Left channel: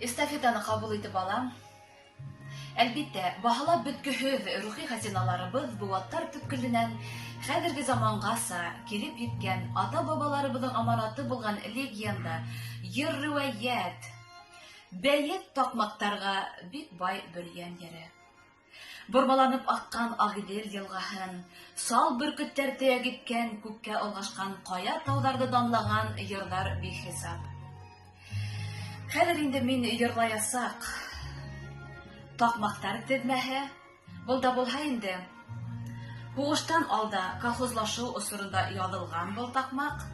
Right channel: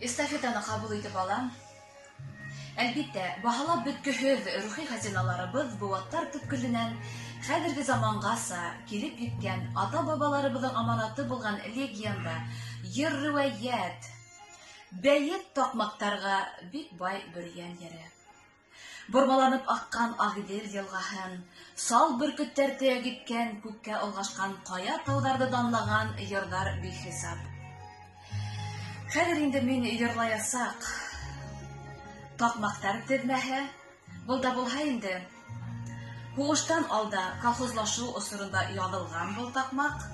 Эстафетаны кабул итеп алам. Әлбиттә, баһалап беткеһез рухи хазиналарыбыз бу аттар төпкеленнән хәзерге замангаса килеп җиткән ата-бабаларыбызның аманаты булган легенда, йыр-риваять, бәет такмактарга бик бай бөргән йөре. Бормаланып аккан Агыйдел елгаһын, сал бөркеттәр төяп киткән күккә олгашкан кая тауларда данлаган йырлар бихисап. Хәзер инде мин йырлаясак, такмактар тезмәһе, булда булһа инде, һугыштан алда колхозлашуу осурында язылган бул такмак,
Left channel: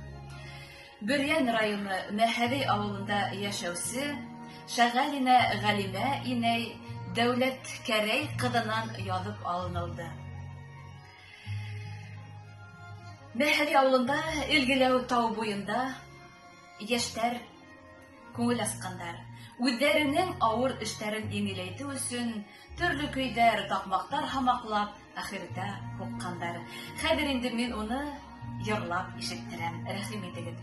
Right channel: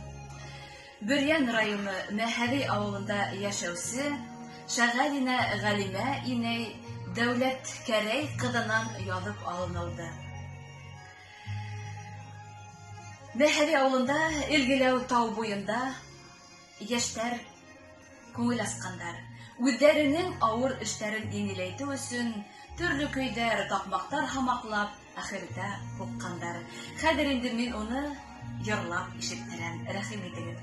Бөрьән районы Мәһәри авылында яшәүсе Шәғәлинә Ғәлимә инәй Дәүләт Кәрәй кызынан язып алынылды. Мәһәри авылында Илгеләү тау буенда яшьтәр күңел аскандар. Үзләренең авыр эшләрен еңеләйтү өчен төрле көйдәр, такмактар хамаклап, ахирдә куккандар. Хәзер инде мин уны йырлап ишеттерәм. Рәхим итегез.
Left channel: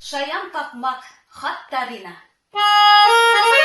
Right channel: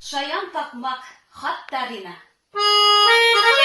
Шаян такмак хаттарина. Hey,